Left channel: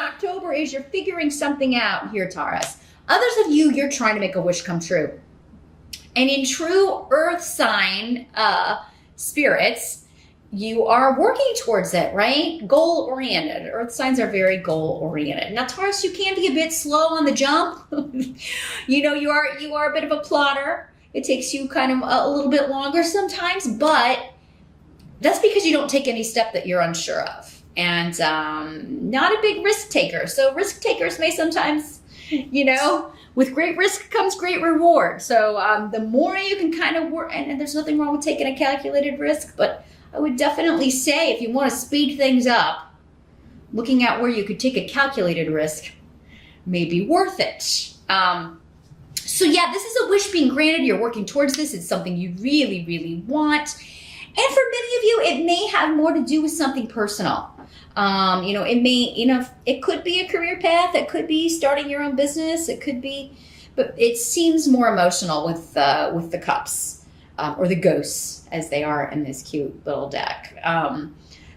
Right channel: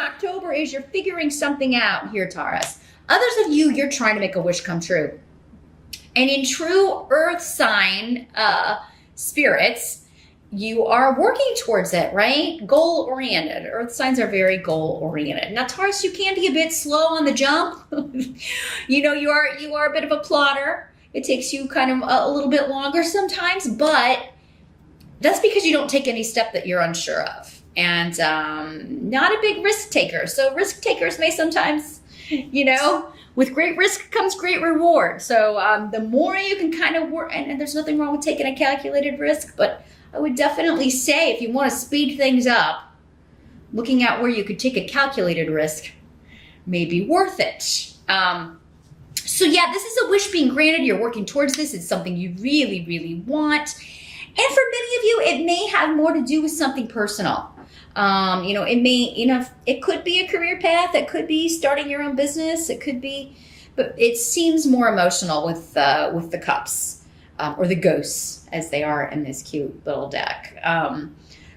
October is you're figuring something out here, Taurus. Others of you, you're trying to make a wish come true. And in true earth sign spirits, you are working towards it, right? Goal oriented. Earth signs are very goal oriented. Now, Taurus, you can be a bit slow on the jump. You are a bit of a plotter. It takes you kind of a little bit longer sometimes, but that's because you don't take any step that you're unsure of. And not a big risk taker. So risk takers may sometimes, with great risk comes great reward. So the more you can kind of work, and there's nothing wrong with taking a calculated risk, but I would definitely say if you want to speed things up, looking at where you could take a calculated risk may be worth it. So yeah, this is a wish being granted. You're working towards this. It's something you really, really want. And for many of you, it may have more to do with something personal. It could be a career path. It could be starting your own business. It could be, but it seems more emotional with the cups or the ghosts as they are in this cute little deck.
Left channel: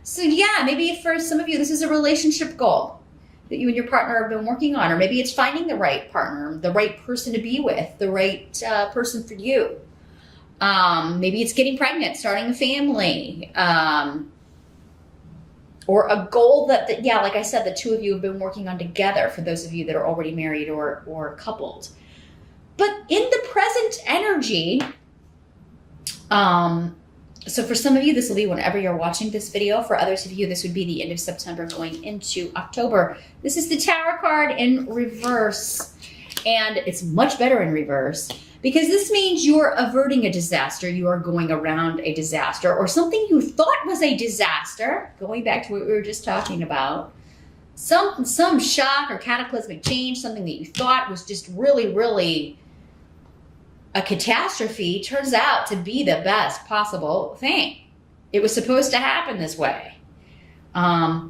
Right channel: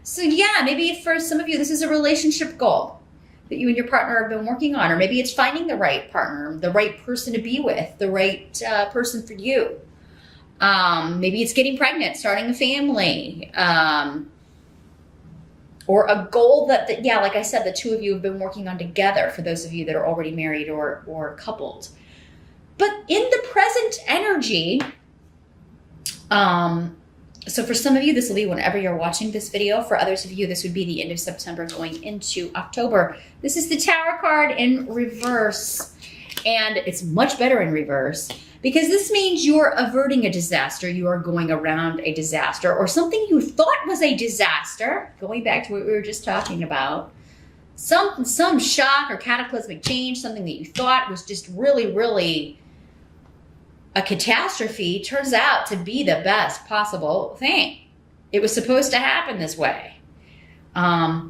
So yeah, maybe for some of you, this is a relationship goal that you and your partner have been working on, or maybe it's finding the right partner, the right person to be with, the right person for you. Maybe it's getting pregnant, starting a family, or a goal that, like I said, the two of you have been working on together for those of you that are already married or coupled. But in the present energy, so for some of you, this will be whenever you're watching this video. For others of you, this would be the end of September going into October. This is the Tower card in reverse, and it's much better in reverse because this means you're averting a disaster. You are going around a disaster or something you thought was a disaster, going back to what we were just talking about. Some shock or cataclysmic change, something that you thought was just really, really a catastrophe, turns out to be the best possible thing. It was supposed to happen this way. I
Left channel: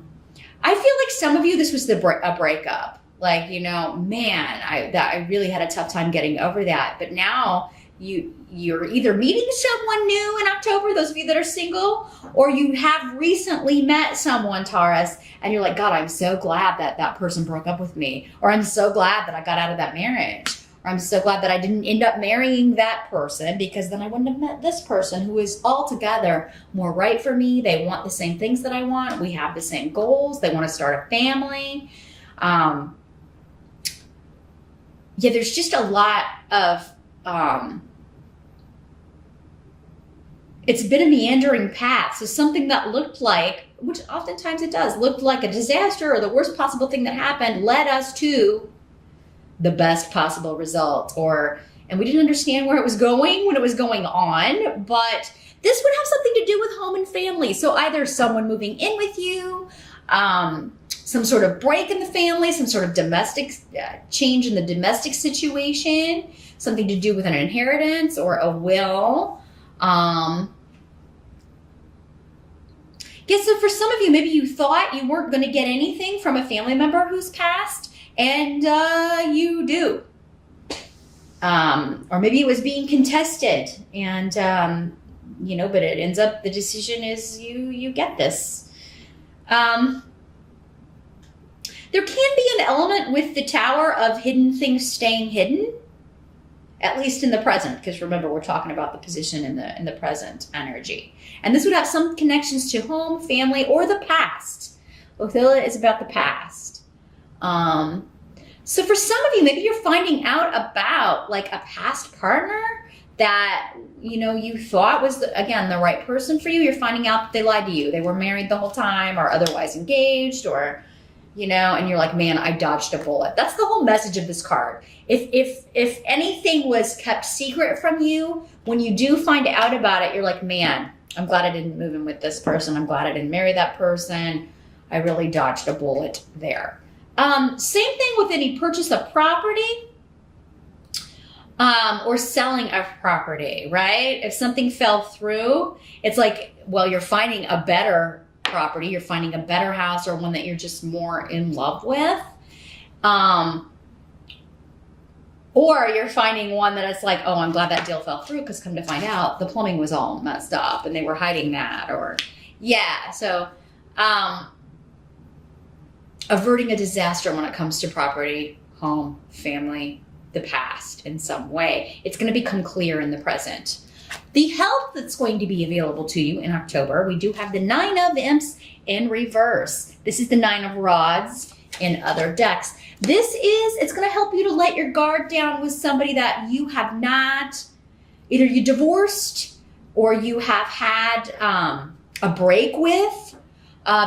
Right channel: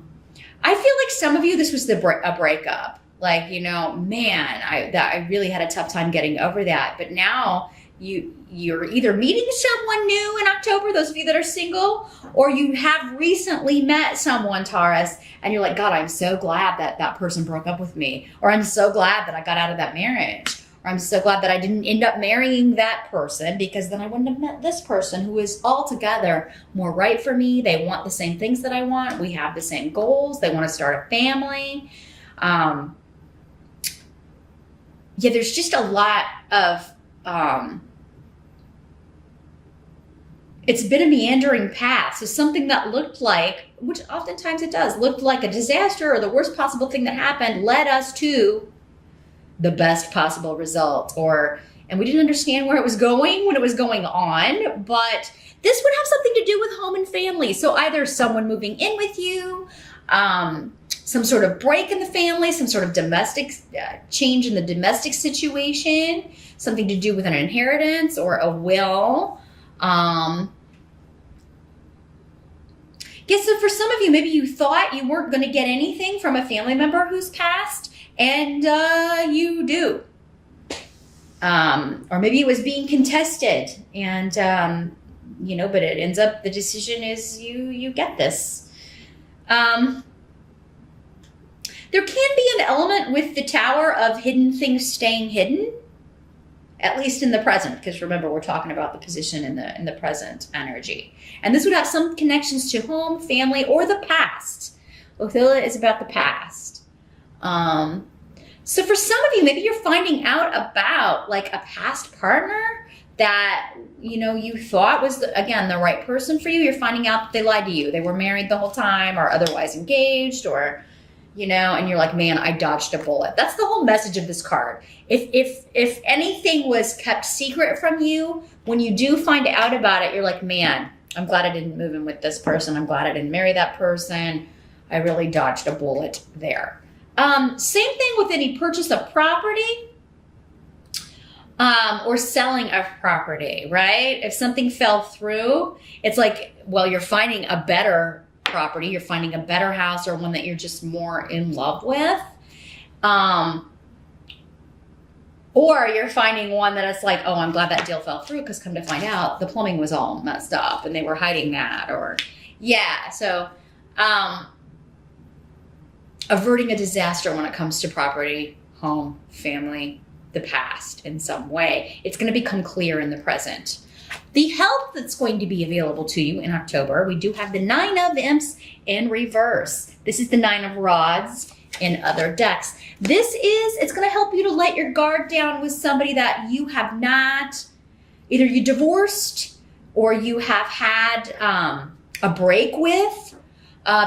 feel like some of you, this was a breakup. Like, man, I really had a tough time getting over that. But now you're either meeting someone new in October, those of you that are single, or you have recently met someone, Taurus, and you're like, God, I'm so glad that person broke up with me. Or I'm so glad that I got out of that marriage. Or I'm so glad that I didn't end up marrying that person, because then I wouldn't have met this person who is altogether more right for me. They want the same things that I want. We have the same goals. They want to start a family. There's just a lot of, it's been a meandering path. So something that looked like, which oftentimes it does, looked like a disaster or the worst possible thing that happened, led us to the best possible result. And we didn't understand where it was going when it was going on, but this would have something to do with home and family. So either someone moving in with you, some sort of break in the family, some sort of domestic change in the domestic situation, something to do with an inheritance or a will. So for some of you, maybe you thought you weren't going to get anything from a family member who's passed, and you do. Or maybe it was being contested, and but it ends up, the decision is you get this. There can be an element with the Tower of hidden things staying hidden, at least in the present, because remember, we're talking about the position in the present energy. And this would have some connections to home, family, or the past. Othila is about the past. So for some of you, maybe you're finding out about like a past partner that, you thought was, the right person for you. You're finding out that they lied to you. They were married the whole time or otherwise engaged, or and you're like, man, I dodged a bullet. That's the whole message of this card. If anything was kept secret from you, when you do find out about it, you're like, man, I'm glad I didn't move in with this person. I'm glad I didn't marry that person. I really dodged a bullet there. Same thing with any purchase of property, or selling of property, right? If something fell through, it's like, well, you're finding a better property, you're finding a better house, or one that you're just more in love with. Or you're finding one that it's like, oh, I'm glad that deal fell through, because come to find out, the plumbing was all messed up and they were hiding that. Or, so averting a disaster when it comes to property, home, family, the past in some way. It's going to become clear in the present. The help that's going to be available to you in October, we do have the 9 of Imps in reverse. This is the 9 of Rods in other decks. It's going to help you to let your guard down with somebody that you have not, either you divorced or you have had a break with.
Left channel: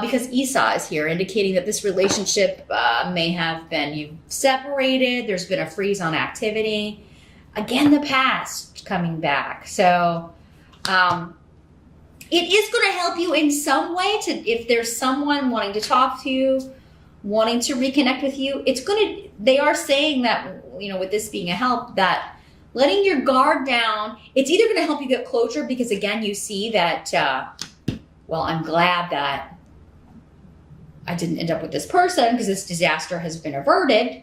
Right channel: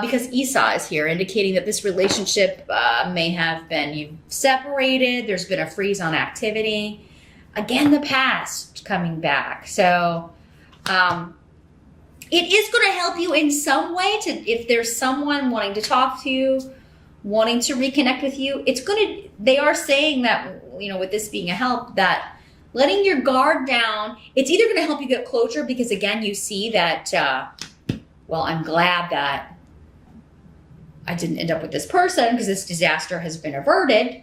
Because Esau is here, indicating that this relationship may have been you separated. There's been a freeze on activity. Again, the past coming back. So it is going to help you in some way. If there's someone wanting to talk to you, wanting to reconnect with you, they are saying that, with this being a help, that letting your guard down, it's either going to help you get closure because, again, you see that, I'm glad that I didn't end up with this person because this disaster has been averted.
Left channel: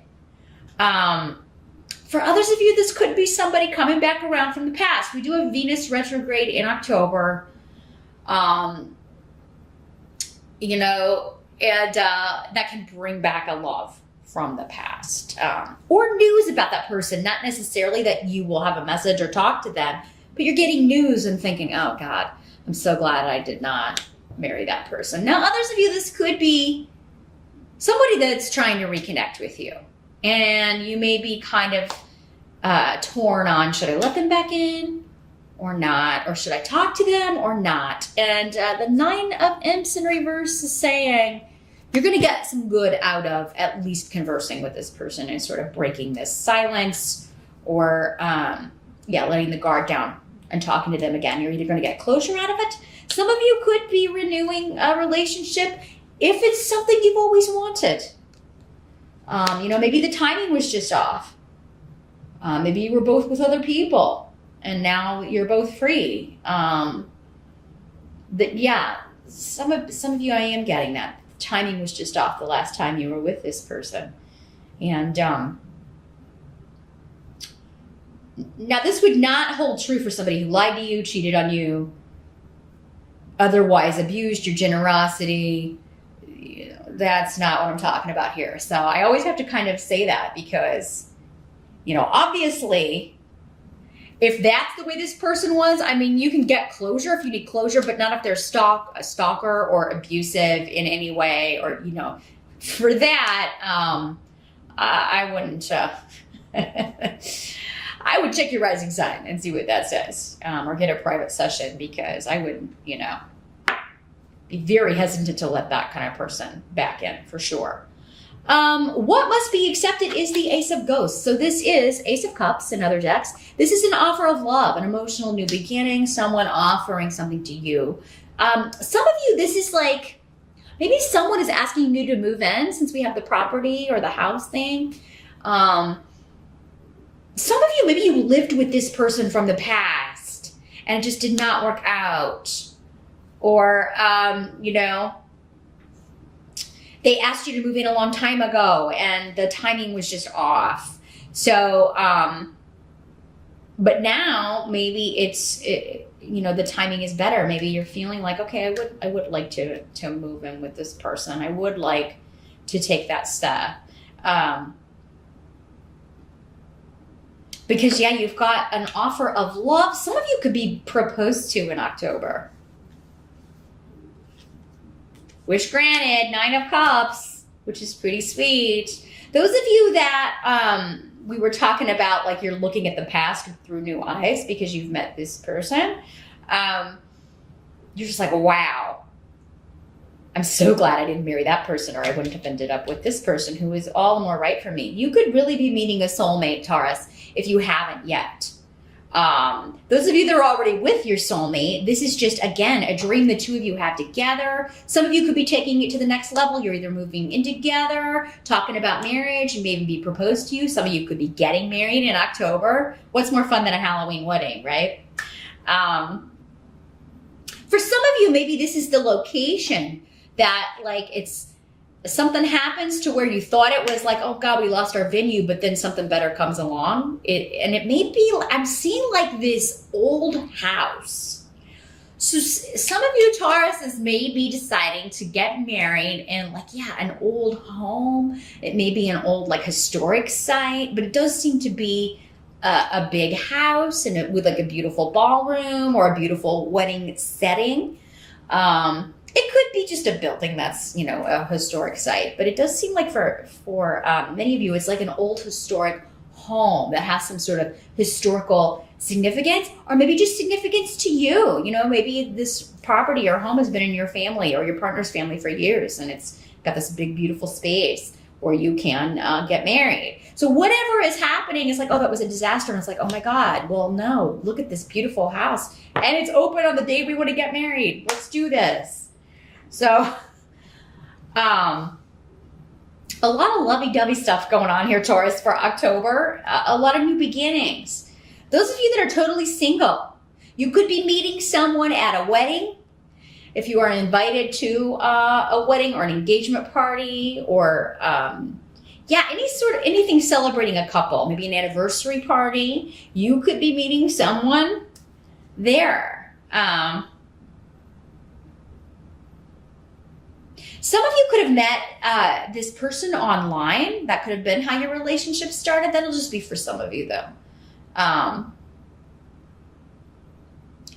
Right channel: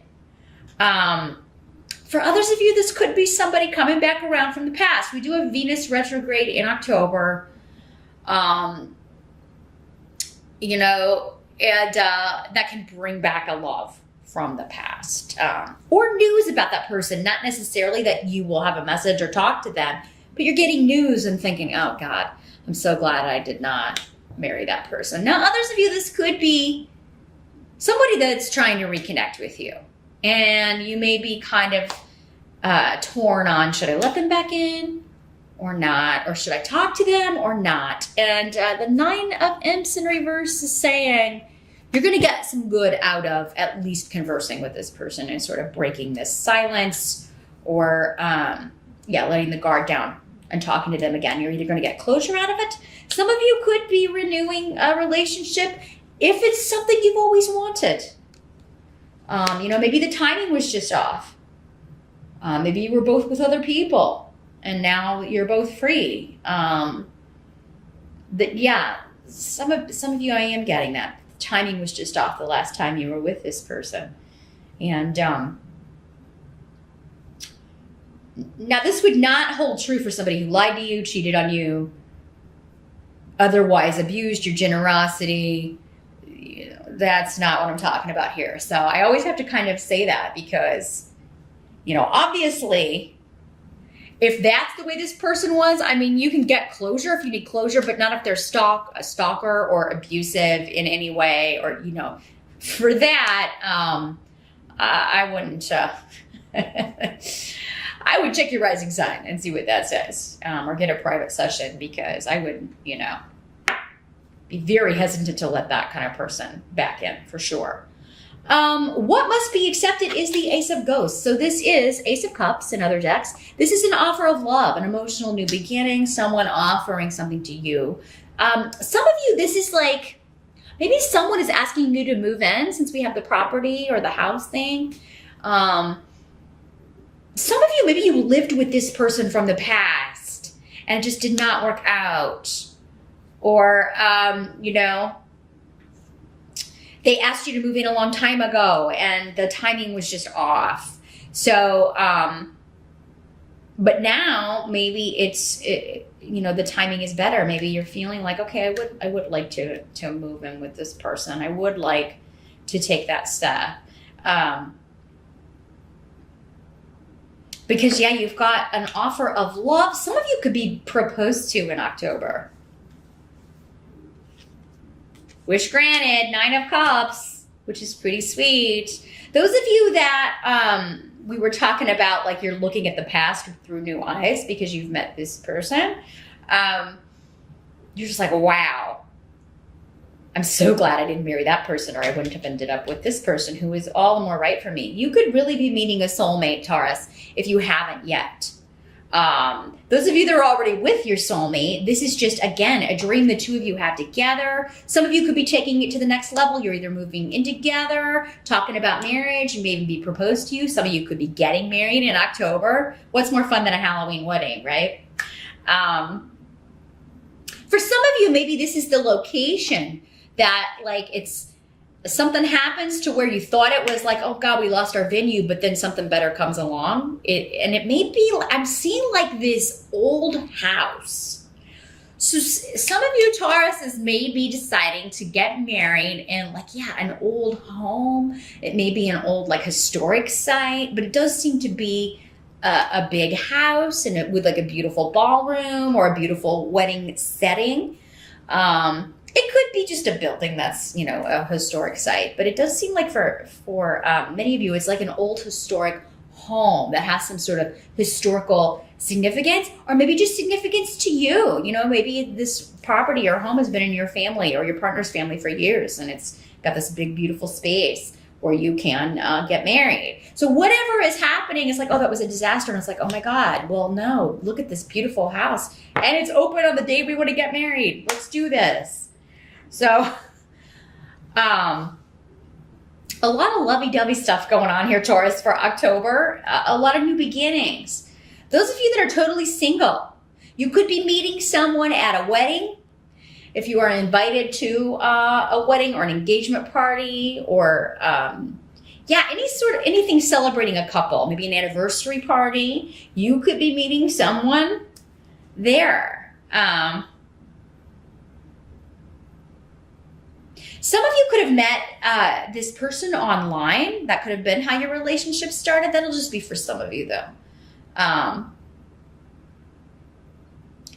For others of you, this could be somebody coming back around from the past. We do have Venus retrograde in October. And that can bring back a love from the past. Or news about that person. Not necessarily that you will have a message or talk to them, but you're getting news and thinking, oh God, I'm so glad I did not marry that person. Now, others of you, this could be somebody that's trying to reconnect with you. And you may be kind of torn on, should I let them back in or not? Or should I talk to them or not? And the 9 of Imps in reverse is saying you're going to get some good out of at least conversing with this person and sort of breaking this silence or, letting the guard down and talking to them again. You're either going to get closure out of it. Some of you could be renewing a relationship if it's something you've always wanted. Maybe the timing was just off. Maybe you were both with other people and now you're both free. Some of you, I am getting that. Timing was just off the last time you were with this person. And now this would not hold true for somebody who lied to you, cheated on you, otherwise abused your generosity. That's not what I'm talking about here. So I always have to kind of say that because, obviously, if that's the way this person was, you can get closure if you need closure, but not if they're a stalker or abusive in any way, or, for that, I wouldn't, I would check your rising sign and see what that says, or get a private session because I wouldn't, be very hesitant to let that kind of person back in for sure. What must be accepted is the Ace of Ghosts. So this is Ace of Cups in other decks. This is an offer of love, an emotional new beginning, someone offering something to you. Some of you, this is like, maybe someone is asking you to move in since we have the property or the house thing. Some of you, maybe you lived with this person from the past and it just did not work out. Or, they asked you to move in a long time ago and the timing was just off. So, but now maybe the timing is better. Maybe you're feeling like, okay, I would like to move in with this person. I would like to take that step. Because you've got an offer of love. Some of you could be proposed to in October. Wish granted, 9 of Cups, which is pretty sweet. Those of you that we were talking about, like you're looking at the past through new eyes because you've met this person, you're just like, wow, I'm so glad I didn't marry that person or I wouldn't have ended up with this person who is all the more right for me. You could really be meeting a soulmate, Taurus, if you haven't yet. Those of you that are already with your soulmate, this is just, again, a dream the two of you have together. Some of you could be taking it to the next level. You're either moving in together, talking about marriage, and maybe be proposed to you. Some of you could be getting married in October. What's more fun than a Halloween wedding, right? For some of you, maybe this is the location that, like, it's something happens to where you thought it was like, oh God, we lost our venue, but then something better comes along. And it may be, I'm seeing like this old house So some of you Tauruses may be deciding to get married in like, yeah, an old home. It may be an old like historic site, but it does seem to be a big house and with like a beautiful ballroom or a beautiful wedding setting. It could be just a building that's, a historic site, but it does seem like for many of you, it's like an old historic home that has some sort of historical significance, or maybe just significance to you. Maybe this property or home has been in your family or your partner's family for years, and it's got this big, beautiful space where you can get married. So whatever is happening is like, oh, that was a disaster. And it's like, oh my God, well, no, look at this beautiful house. And it's open on the day we want to get married. Let's do this. So, a lot of lovey-dovey stuff going on here, Taurus, for October. A lot of new beginnings. Those of you that are totally single, you could be meeting someone at a wedding. If you are invited to a wedding or an engagement party, or anything celebrating a couple, maybe an anniversary party, you could be meeting someone there. Some of you could have met this person online. That could have been how your relationship started. That'll just be for some of you, though.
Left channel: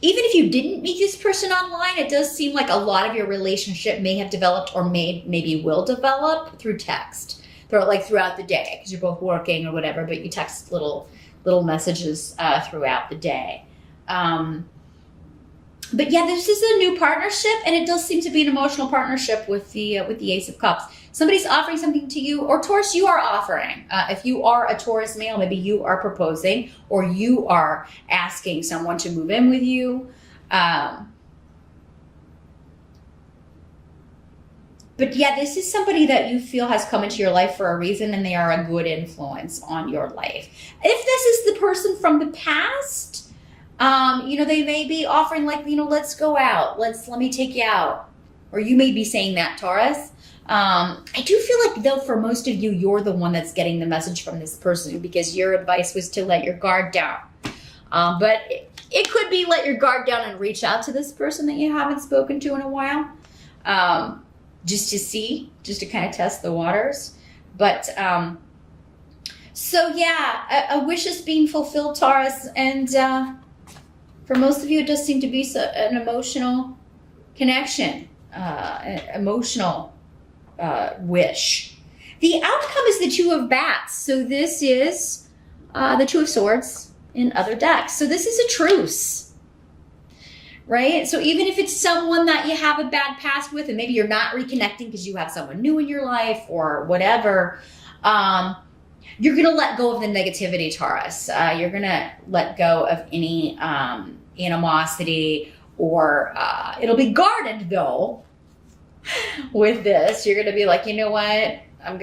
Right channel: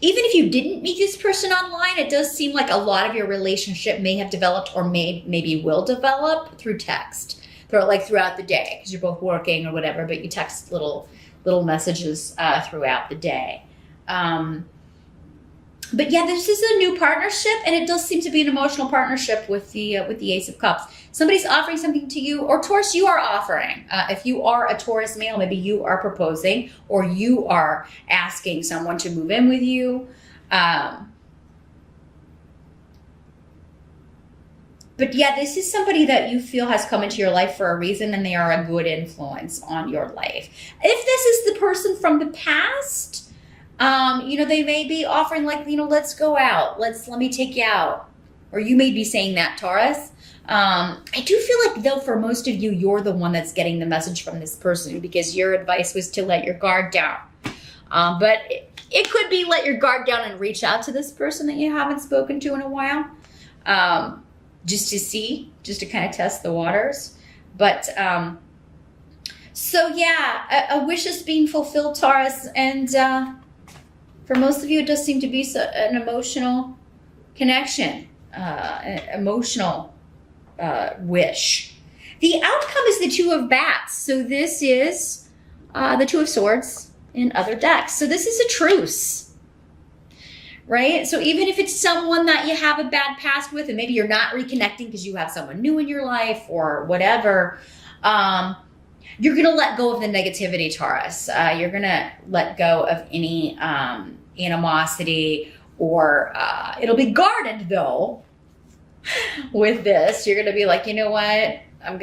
Even if you didn't meet this person online, it does seem like a lot of your relationship may have developed or maybe will develop through text, throughout the day, because you're both working or whatever, but you text little messages throughout the day. But yeah, this is a new partnership, and it does seem to be an emotional partnership with the Ace of Cups. Somebody's offering something to you, or Taurus, you are offering. If you are a Taurus male, maybe you are proposing, or you are asking someone to move in with you. But yeah, this is somebody that you feel has come into your life for a reason, and they are a good influence on your life. If this is the person from the past, they may be offering let's go out. Let me take you out. Or you may be saying that, Taurus. I do feel like, though, for most of you, you're the one that's getting the message from this person, because your advice was to let your guard down. But it could be let your guard down and reach out to this person that you haven't spoken to in a while. Just to kind of test the waters. But, so yeah, a wish is being fulfilled, Taurus. And, for most of you, it does seem to be an emotional connection, an emotional wish. The outcome is the Two of Bats. So this is the Two of Swords in other decks. So this is a truce, right? So even if it's someone that you have a bad past with, and maybe you're not reconnecting because you have someone new in your life or whatever, you're going to let go of the negativity, Taurus. You're going to let go of any animosity, or it'll be guarded, though, with this. You're going to be like, you know what? We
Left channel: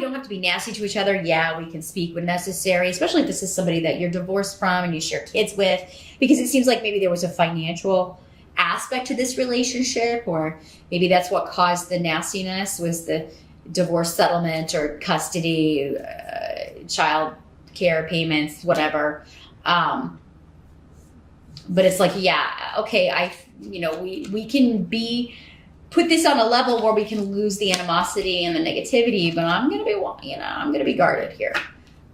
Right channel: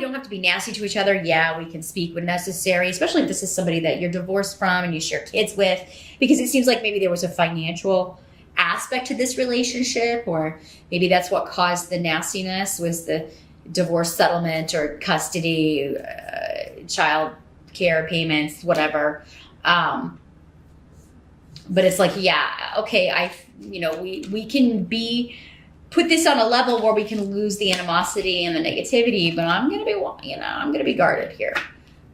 don't have to be nasty to each other. Yeah, we can speak when necessary, especially if this is somebody that you're divorced from and you share kids with, because it seems like maybe there was a financial aspect to this relationship, or maybe that's what caused the nastiness, was the divorce settlement or custody, child care payments, whatever. But it's like, yeah, okay, we can put this on a level where we can lose the animosity and the negativity, but I'm gonna be guarded here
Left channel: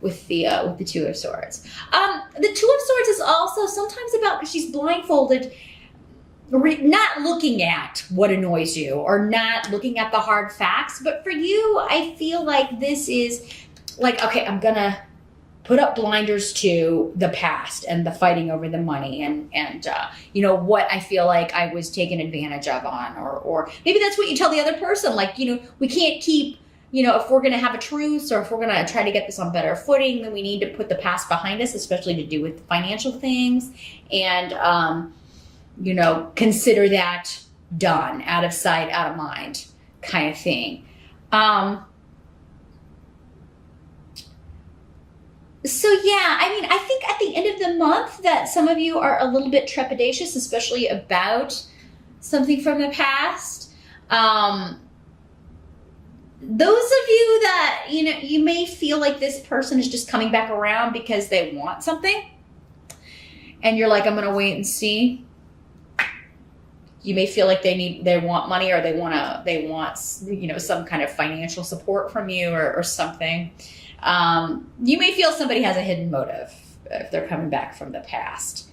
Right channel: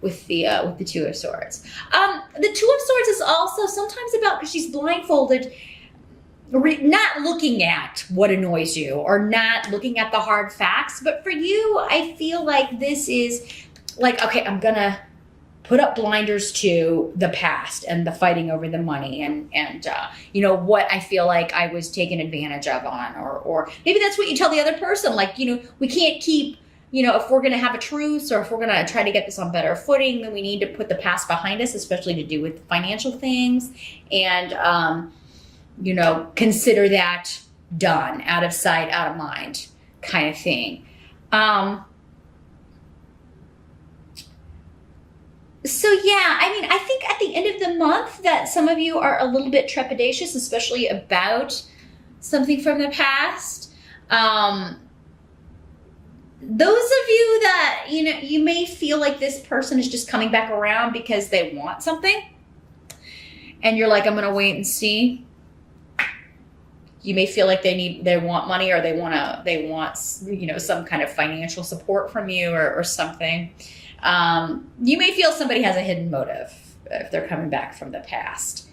with the Two of Swords. The Two of Swords is also sometimes about, because she's blindfolded, not looking at what annoys you or not looking at the hard facts. But for you, I feel like this is like, okay, I'm gonna put up blinders to the past and the fighting over the money and what I feel like I was taken advantage of on, or maybe that's what you tell the other person, like, we can't keep, if we're going to have a truce, or if we're going to try to get this on better footing, then we need to put the past behind us, especially to do with financial things, and consider that done, out of sight, out of mind kind of thing. So yeah, I think at the end of the month that some of you are a little bit trepidatious, especially about something from the past. Those of you that, you may feel like this person is just coming back around because they want something. and you're like, I'm going to wait and see. You may feel like they want money, or they want, you know, some kind of financial support from you, or something. You may feel somebody has a hidden motive if they're coming back from the past.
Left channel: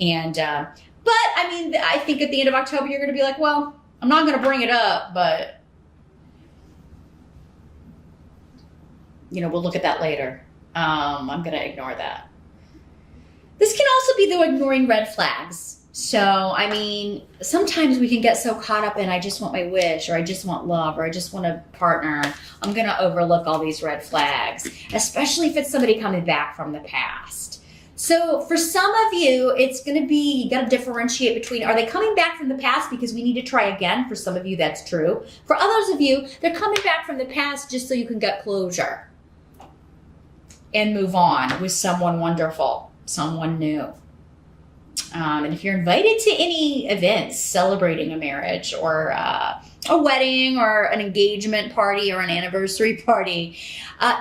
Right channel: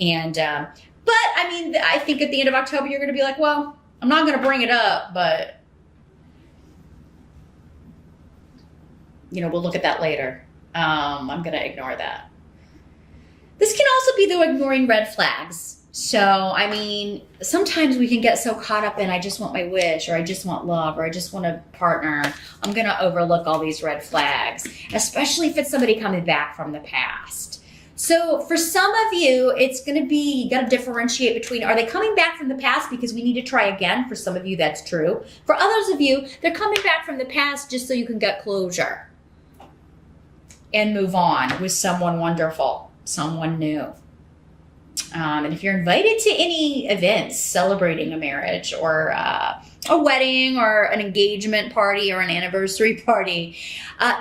And, but I mean, I think at the end of October, you're going to be like, well, I'm not going to bring it up, but, you know, we'll look at that later. I'm going to ignore that. This can also be the ignoring red flags. So, I mean, sometimes we can get so caught up in, I just want my wish, or I just want love, or I just want a partner. I'm going to overlook all these red flags, especially if it's somebody coming back from the past. So for some of you, it's going to be, you got to differentiate between, are they coming back from the past because we need to try again? For some of you, that's true. For others of you, they're coming back from the past just so you can get closure and move on with someone wonderful, someone new. And if you're invited to any events celebrating a marriage, or a wedding, or an engagement party, or an anniversary party,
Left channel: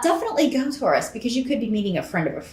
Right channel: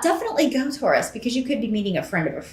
definitely go, Taurus, because you could be meeting a friend of a friend.